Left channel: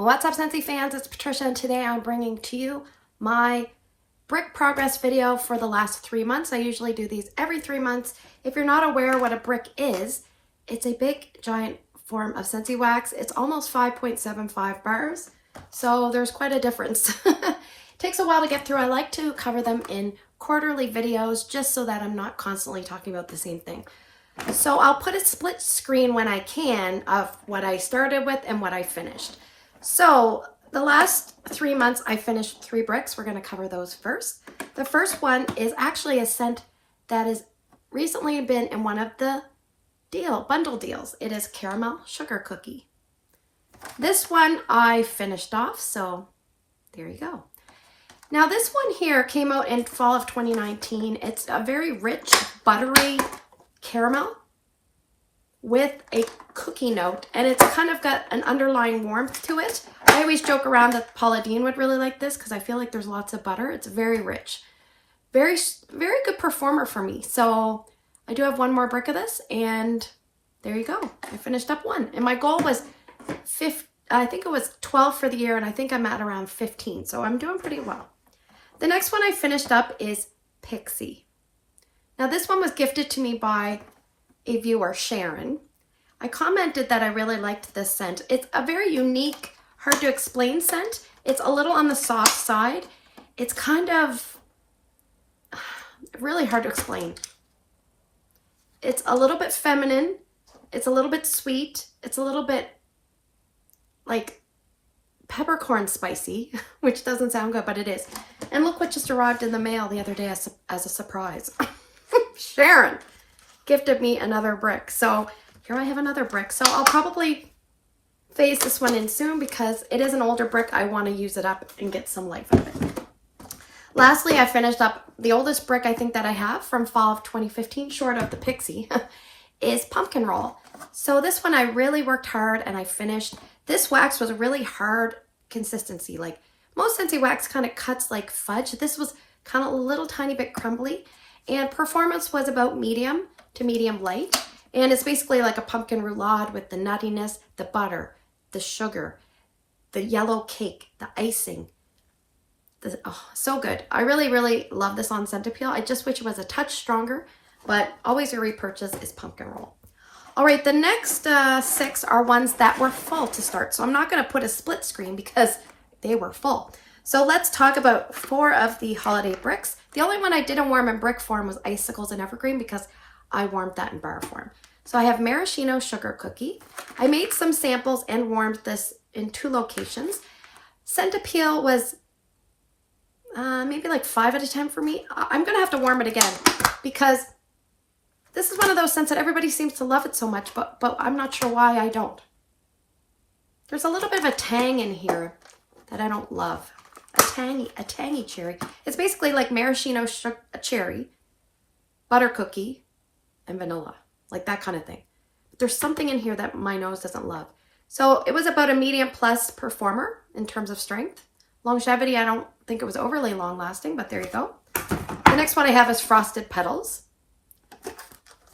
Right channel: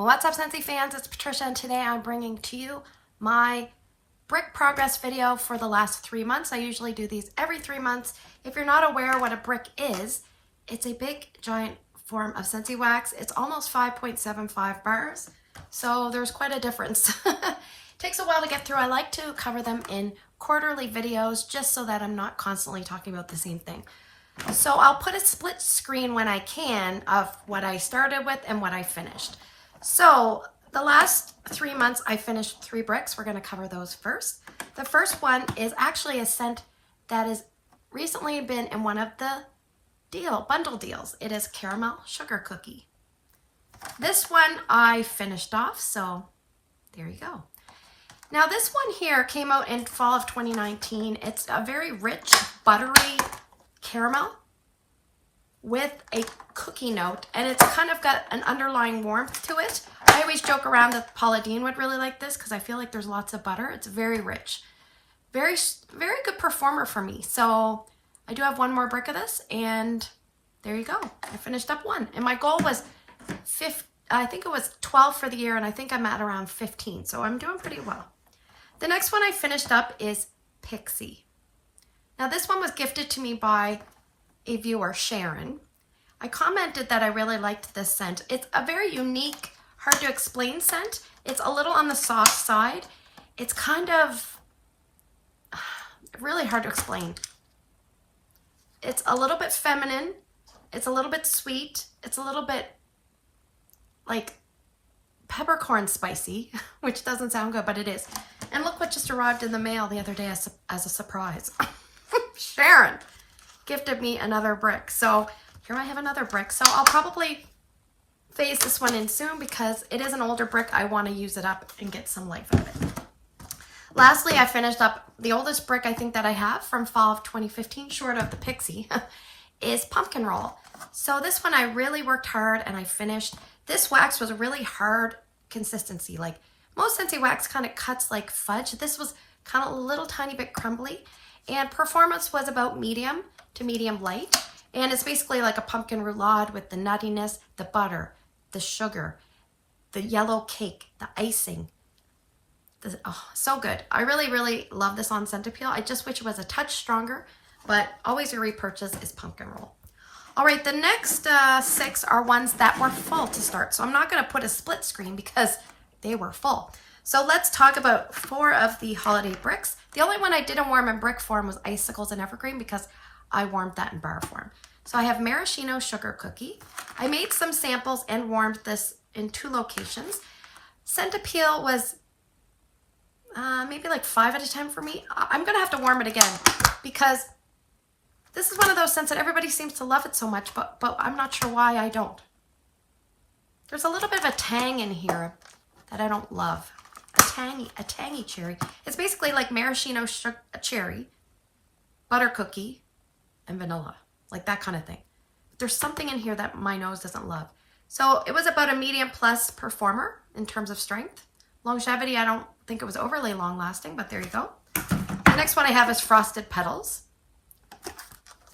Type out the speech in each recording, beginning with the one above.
What's up, Scentsy fans? It's Patricia, and today I'm bringing to you my brick progress video for the last 3 months. I usually do these every 3 months. If you're not aware what a brick is, it's a big, giant form of Scentsy wax. It's almost 5.75 bars, so there's quite a difference. Takes a while to get through. I like to cover them in quarterly videos just so that I'm not constantly talking about the same thing. So I'll put a split screen when I can of what I started with and what I finished. So the last 3 months I finished 3 bricks. We're going to cover those first. The first one is actually a scent that has recently been in one of the bundle deals. It is Caramel Sugar Cookie. This one I finished off, so there you go. Now this one here came out in fall of 2019. It's a very rich, buttery caramel with a cookie note, and it's kind of got an underlying warmth to it. I always joke around that Paula Deen would really like this because I feel like there's lots of butter. It's very rich. Very good performer for me. So I do have one more brick of this, and there you go. I finished up one. And my goal was I think it was 12 for the year, and I think I'm at around 15. So I'm doing pretty well. The next one I finished up is PIXIE. Now this one was gifted to me by a viewer, Sharon. I commented that I really liked this scent. It's a very unique, hard to explain scent. It's a little on the soft side. It's kind of really hard to explain. It's a little bit feminine. It's a little bit sweet. It's a little bit like peppercorn spicy, which doesn't sound good, but it is. And look what just arrived in the mail the other day as a surprise. Sharon gifted me another brick. So here I have another brick. So I'll probably phase this one in soon because it is an older brick. I want to use it up and get some life out of it. Lastly, I finished up the oldest brick I think that I have from fall of 2015, short of the PIXIE, is Pumpkin Roll. So this one I really worked hard and I finished. This wax was a really hard consistency. Like most Scentsy wax kind of cuts like fudge. This was kind of a little tiny bit crumbly. And performance was about medium to medium light. And it's basically like a pumpkin roulade with the nuttiness, the butter, the sugar, the yellow cake, the icing. Oh, so good. I really love this on scent appeal. I just wish it was a touch stronger, but always a repurchase is Pumpkin Roll. All right, the next 6 are ones that were full to start. So I'm not going to put a split screen because they were full. So let's talk about 4 of the holiday bricks. The only one I didn't warm in brick form was Icicles and Evergreen because I warmed that in bar form. So I have Maraschino Sugar Cookie. I made some samples and warmed this in 2 locations. Scent appeal was maybe like 5 out of 10 for me. I'm going to have to warm it again because this is one of those scents that everybody seems to love it so much, but I'm not sure why I don't. There's a little bit of a tang in here that I don't love. A tangy cherry. It's basically like maraschino cherry, butter cookie, and vanilla. Like that kind of thing. But there's something in here that my nose doesn't love. So it was about a medium plus performer in terms of strength. Longevity, I don't think it was overly long lasting, but there you go. The next one I have is Frosted Petals.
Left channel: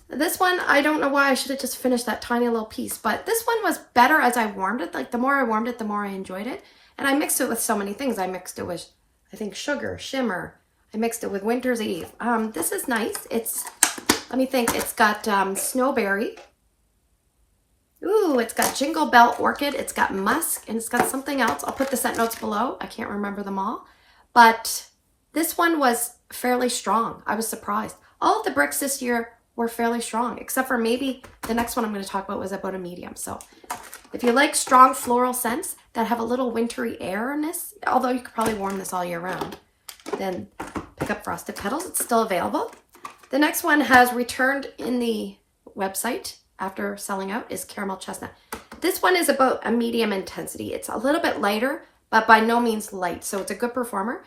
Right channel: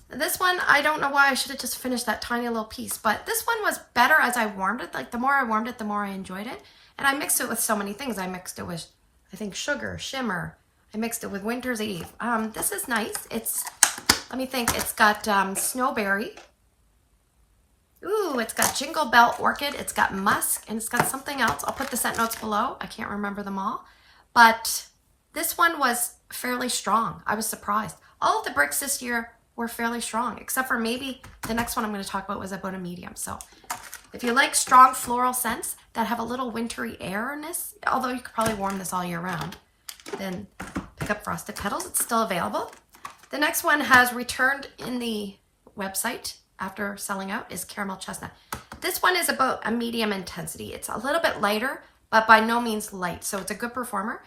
This one, I don't know why I should have just finished that tiny little piece, but this one was better as I warmed it. Like the more I warmed it, the more I enjoyed it. And I mixed it with so many things. I mixed it with, I think, sugar, shimmer. I mixed it with Winter's Eve. This is nice. It's, let me think, it's got snowberry. Ooh, it's got Jingle Bell Orchid. It's got musk, and it's got something else. I'll put the scent notes below. I can't remember them all. But this one was fairly strong. I was surprised. All of the bricks this year were fairly strong, except for maybe the next one I'm going to talk about was about a medium. So if you like strong floral scents that have a little wintry airness, although you could probably warm this all year round, then pick up Frosted Petals. It's still available. The next one has returned in the website after selling out is Caramel Chestnut. This one is about a medium intensity. It's a little bit lighter, but by no means light. So it's a good performer.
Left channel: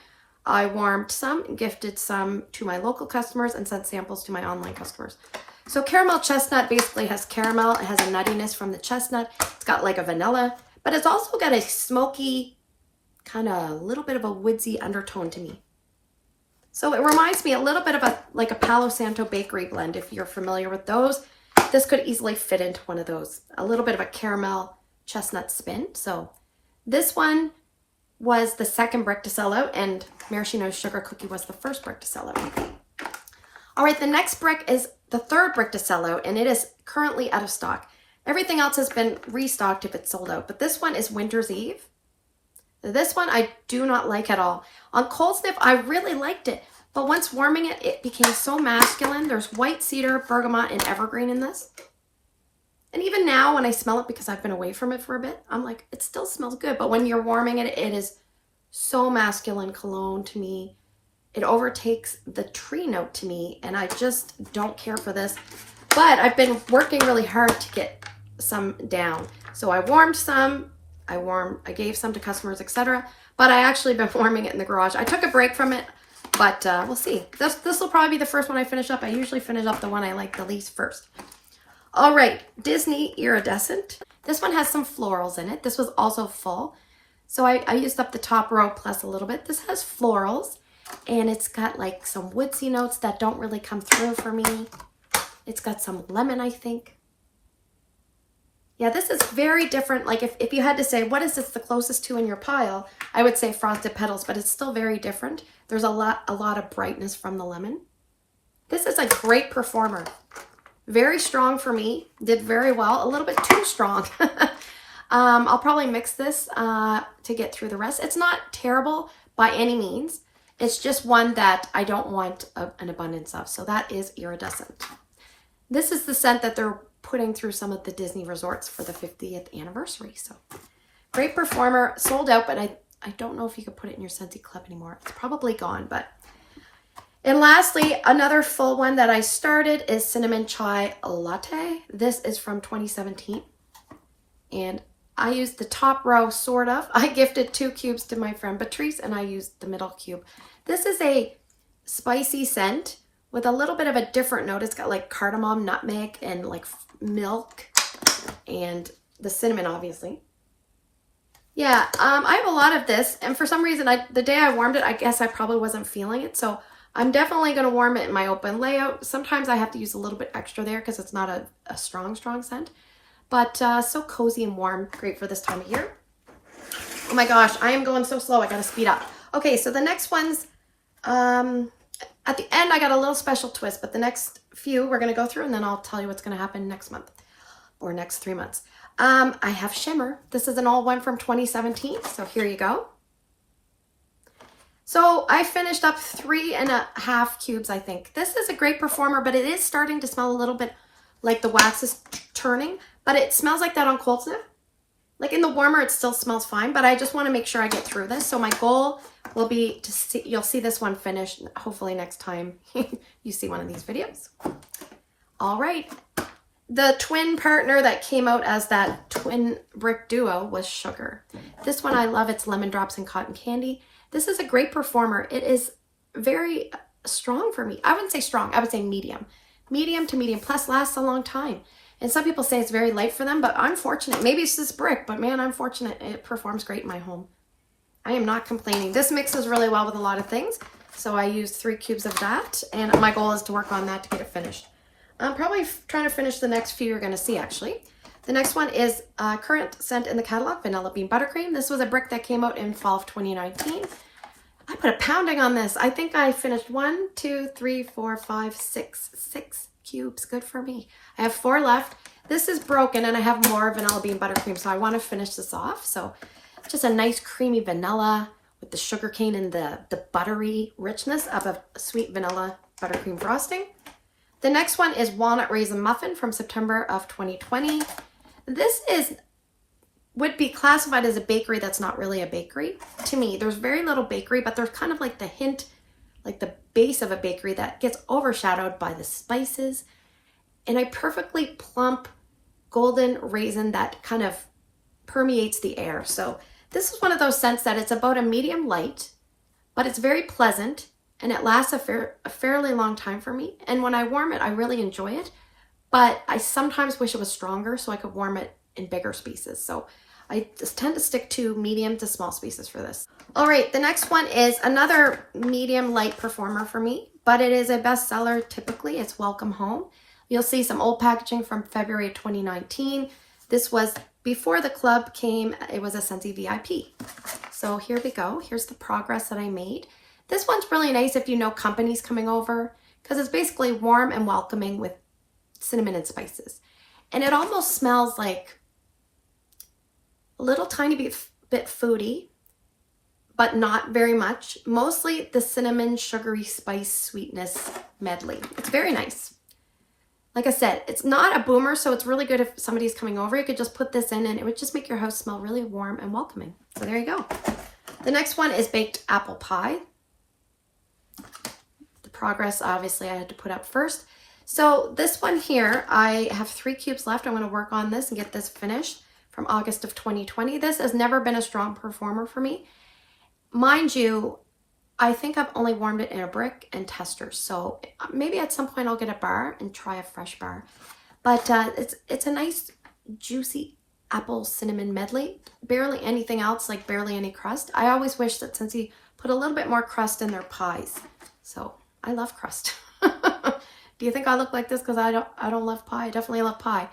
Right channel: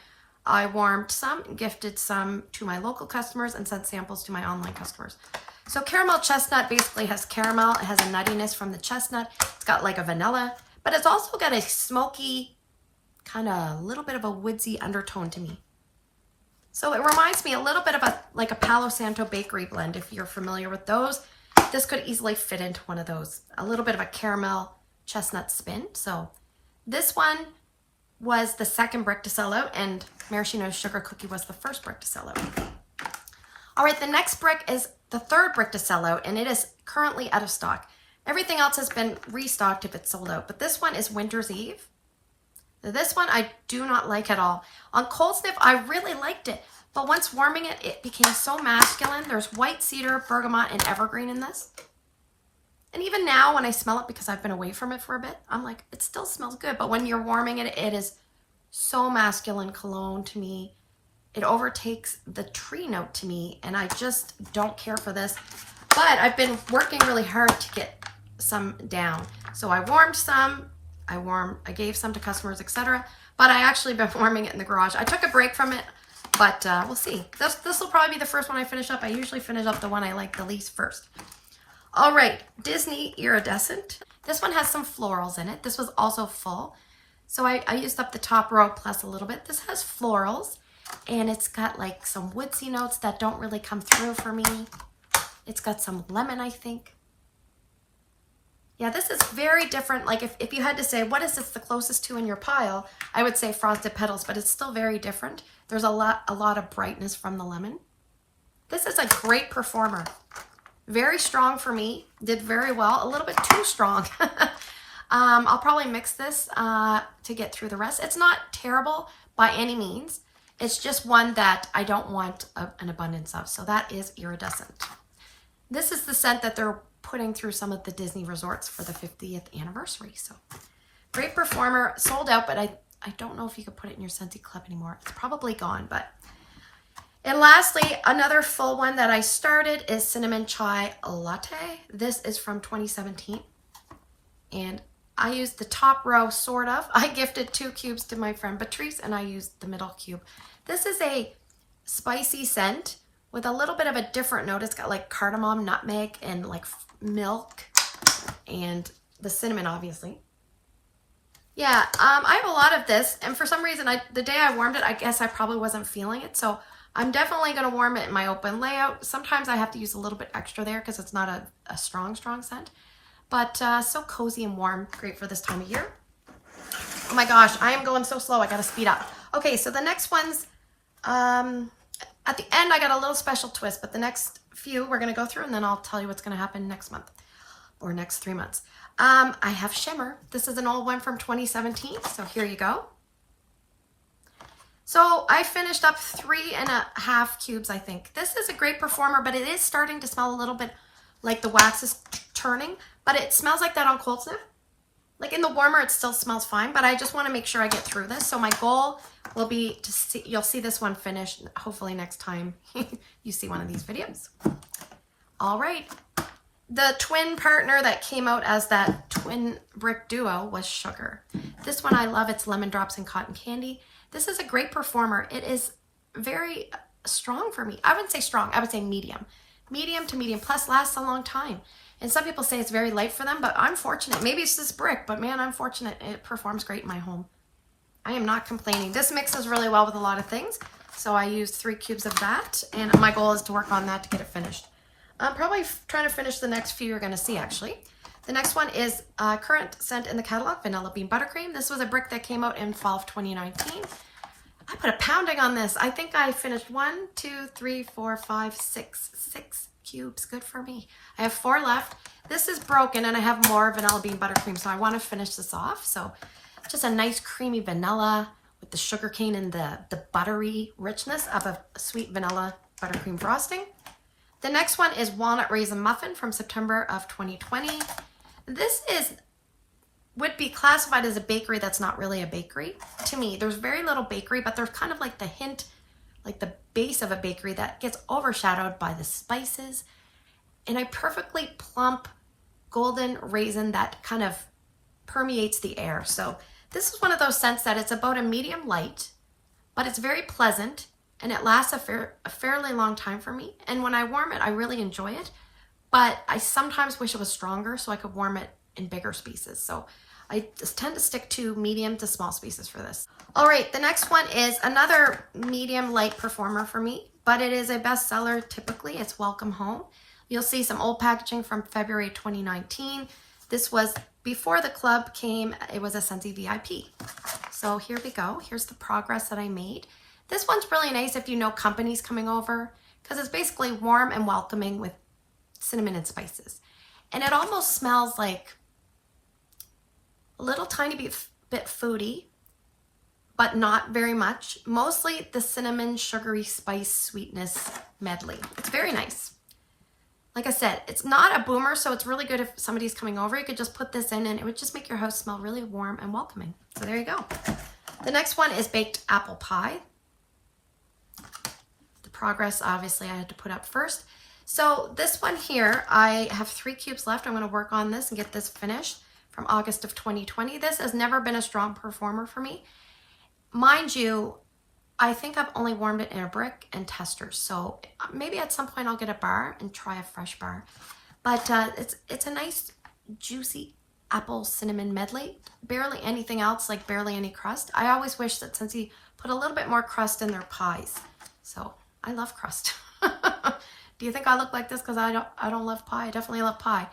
I warmed some, gifted some to my local customers, and sent samples to my online customers. So Caramel Chestnut basically has caramel. It has a nuttiness from the chestnut. It's got like a vanilla, but it's also got a smoky, kind of a little bit of a woodsy undertone to me. So it reminds me a little bit of like a Palo Santo bakery blend. If you're familiar with those, this could easily fit into one of those. A little bit of a caramel chestnut spin. So This one was the second brick to sell out, and Maraschino's Sugar Cookie was the first brick to sell out. All right, the next brick is the third brick to sell out, and it is currently out of stock. Everything else has been restocked if it's sold out, but this one is Winter's Eve. This one I do not like at all. On cold sniff, I really liked it, but once warming it, it became so masculine. There's white cedar, bergamot, and evergreen in this. And even now when I smell it, because I've been away from it for a bit, I'm like, it still smells good. But when you're warming it, it is so masculine cologne to me. It overtakes the tree note to me, and I just don't care for this. But I've been working really hard to get some down. So I warmed some, I gave some to customers, etc. But I actually been warming it in the garage. I took a break from it, but we'll see. This will probably be the first one I finish up. I usually finish up the one I like the least first. All right, Disney Iridescent. This one has some florals in it. This was also full. So I used up the top row plus a little bit. This has florals, and it's got like some woodsy notes that don't really come through for me. It's got some lemon, I think. Yeah, this is very different. Like if you had to say, what is this the closest to in your pile? I would say Frosted Petals, but it's still very different. There's a lot of brightness from the lemon. This is a great performer. Very strong for me. Did very well. A little bit too strong. I'll probably mix this to get through the rest. It's not terrible by any means. It's just one that I don't want an abundance of. So that is Iridescent. This is the scent that they're putting through some of the Disney resorts for the 50th anniversary. So great performer. Sold out, but I don't know if you could put it in your Scentsy Club anymore. It's probably gone, but... And lastly, another full one that I started is Cinnamon Chai Latte. This is from 2017. And I used the top row, sort of. I gifted 2 cubes to my friend Patricia, and I used the middle cube. This is a spicy scent with a little bit of a different note. It's got like cardamom, nutmeg, and like milk, and the cinnamon, obviously. Yeah, I have a lot of this, and for some reason, the day I warmed it, I guess I probably wasn't feeling it, so I'm definitely going to warm it in my open layout. Sometimes I have to use a little bit extra there because it's not a strong scent. But so cozy and warm. Great for this time of year. Oh my gosh, I am going so slow. I got to speed up. Okay, so the next ones, at the end, I got a little special twist. But the next few we're going to go through, and then I'll tell you what's going to happen next month or next 3 months. I have Shimmer. This is an old one from 2017. So here you go. So I finished up 3.5 cubes, I think. This is a great performer, but it is starting to smell a little bit like the wax is turning, but it smells like that on cold sniff. Like in the warmer, it still smells fine, but I just want to make sure I get through this. So my goal will be to see, you'll see this one finished, hopefully next time you see one of these videos. All right. The twin partner that came out as that twin brick duo was Sugar. This one I love. It's Lemon Drops and Cotton Candy. This is a great performer. It is very strong for me. I wouldn't say strong. I would say medium. Medium to medium, plus lasts a long time. And some people say it's very light for them, but I'm fortunate. Maybe it's this brick, but man, I'm fortunate. It performs great in my home. I am not complaining. This mixes really well with a lot of things. So I used 3 cubes of that, and my goal is to work on that to get it finished. I'm probably trying to finish the next few you're going to see, actually. The next one is current scent in the catalog, Vanilla Bean Buttercream. This was a brick that came out in fall of 2019. I put a pounding on this. I think I finished 1, 2, 3, 4, 5, 6 cubes. Good for me. I have 4 left. This is broken, and I have more Vanilla Bean Buttercream, so I want to finish this off. So just a nice creamy vanilla with the sugar cane and the buttery richness of a sweet vanilla buttercream frosting. The next one is Walnut Raisin Muffin from September of 2020. This would be classified as a bakery that's not really a bakery. To me, there's very little bakery, but there's kind of like the hint, like the base of a bakery that gets overshadowed by the spices and a perfectly plump golden raisin that kind of permeates the air. So this is one of those scents that it's about a medium light, but it's very pleasant and it lasts a fairly long time for me. And when I warm it, I really enjoy it, but I sometimes wish it was stronger so I could warm it in bigger species. So I just tend to stick to medium to small species for this. All right, the next one is another medium light performer for me, but it is a bestseller typically. It's Welcome Home. You'll see some old packaging from February 2019. This was before the club came, it was a Scentsy VIP. So here we go. Here's the progress that I made. This one's really nice if you know companies coming over, because it's basically warm and welcoming with cinnamon and spices. And it almost smells like a little tiny bit foodie, but not very much. Mostly the cinnamon, sugary, spice, sweetness medley. It's very nice. Like I said, it's not a boomer, so it's really good if somebody's coming over. You could just put this in and it would just make your house smell really warm and welcoming. So there you go. The next one is baked apple pie. The progress, obviously, I had to put up first. So this one here, I have 3 cubes left. I'm going to work on this and get this finished from August of 2020. This has never been a strong performer for me. Mind you, I think I've only warmed it in a brick and testers. So maybe at some point I'll get a bar and try a fresh bar. But it's a nice juicy apple cinnamon medley. Barely anything else, like barely any crust. I always wish that Scentsy put a little bit more crust in their pies. So I love crust. Do you think I look like this because I don't love pie? I definitely love pie.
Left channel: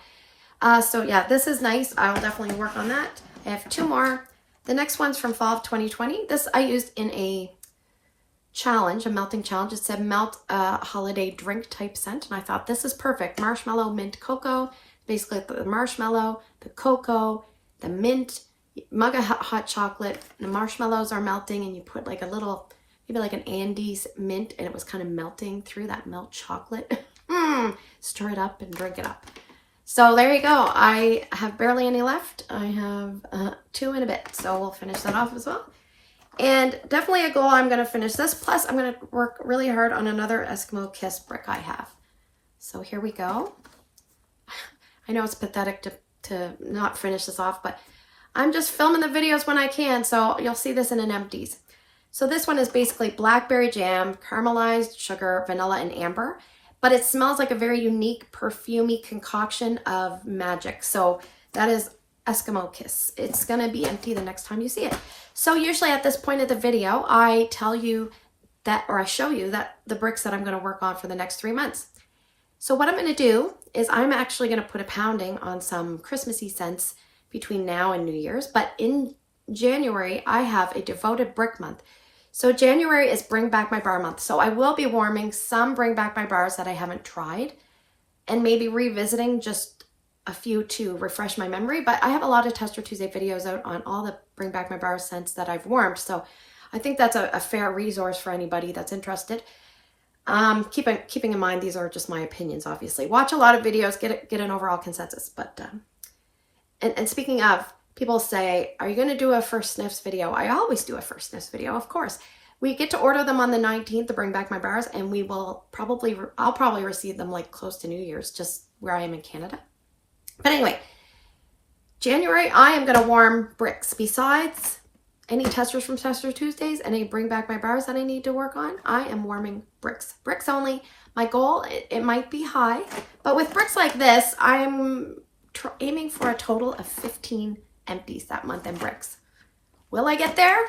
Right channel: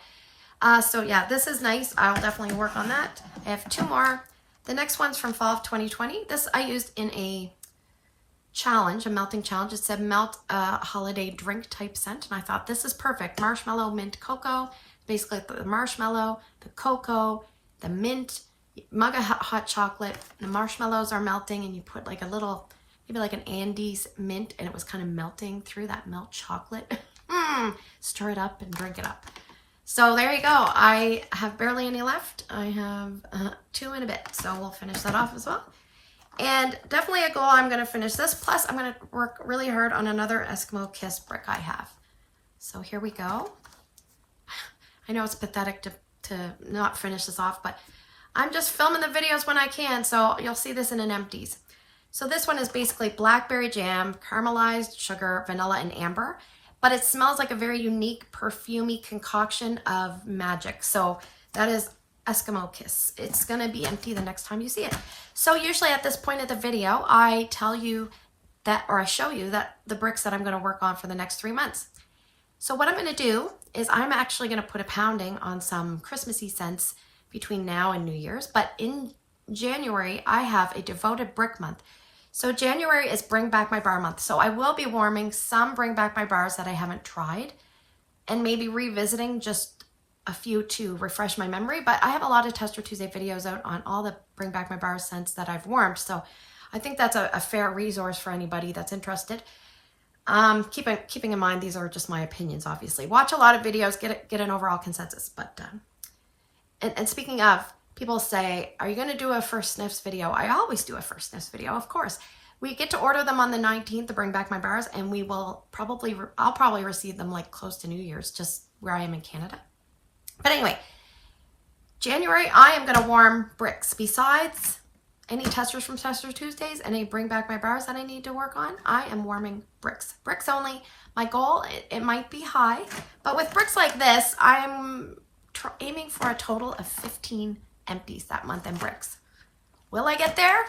So yeah, this is nice. I'll definitely work on that. I have 2 more. The next one's from fall of 2020. This I used in a challenge, a melting challenge. It said melt a holiday drink type scent. And I thought this is perfect. Marshmallow, mint, cocoa. Basically the marshmallow, the cocoa, the mint, mug of hot chocolate. The marshmallows are melting and you put like a little, maybe like an Andes mint, and it was kind of melting through that milk chocolate. Stir it up and drink it up. So there you go. I have barely any left. I have 2 in a bit. So we'll finish that off as well. And definitely a goal, I'm going to finish this. Plus, I'm going to work really hard on another Eskimo Kiss brick I have. So here we go. I know it's pathetic to not finish this off, but I'm just filming the videos when I can. So you'll see this in an empties. So this one is basically blackberry jam, caramelized sugar, vanilla, and amber. But it smells like a very unique, perfumey concoction of magic. So that is Eskimo Kiss. It's going to be empty the next time you see it. So usually at this point of the video, I tell you that, or I show you that the bricks that I'm going to work on for the next 3 months. So what I'm going to do is I'm actually going to put a pounding on some Christmassy scents between now and New Year's. But in January, I have a devoted brick month. So January is Bring Back My Bar month. So I will be warming some Bring Back My Bars that I haven't tried and maybe revisiting just a few to refresh my memory. But I have a lot of Tester Tuesday videos out on all the Bring Back My Bar scents that I've warmed. So I think that's a fair resource for anybody that's interested. Keeping in mind, these are just my opinions, obviously. Watch a lot of videos, get an overall consensus. But and speaking of, people say, are you going to do a first sniffs video? I always do a first sniffs video, of course. We get to order them on the 19th to Bring Back My Bars, and we will probably, I'll probably receive them like close to New Year's, just where I am in Canada. But anyway, January, I am going to warm bricks. Besides any testers from Tester Tuesdays and any Bring Back My Bars that I need to work on, I am warming bricks. Bricks only. My goal, it might be high, but with bricks like this, I'm aiming for a total of 15 empties that month in bricks. Will I get there?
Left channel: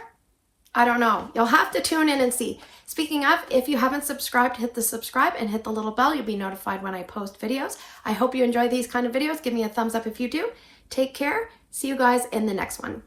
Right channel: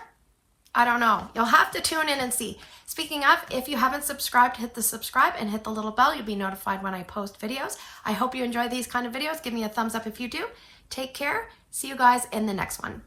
I don't know. You'll have to tune in and see. Speaking of, if you haven't subscribed, hit the subscribe and hit the little bell. You'll be notified when I post videos. I hope you enjoy these kind of videos. Give me a thumbs up if you do. Take care. See you guys in the next one.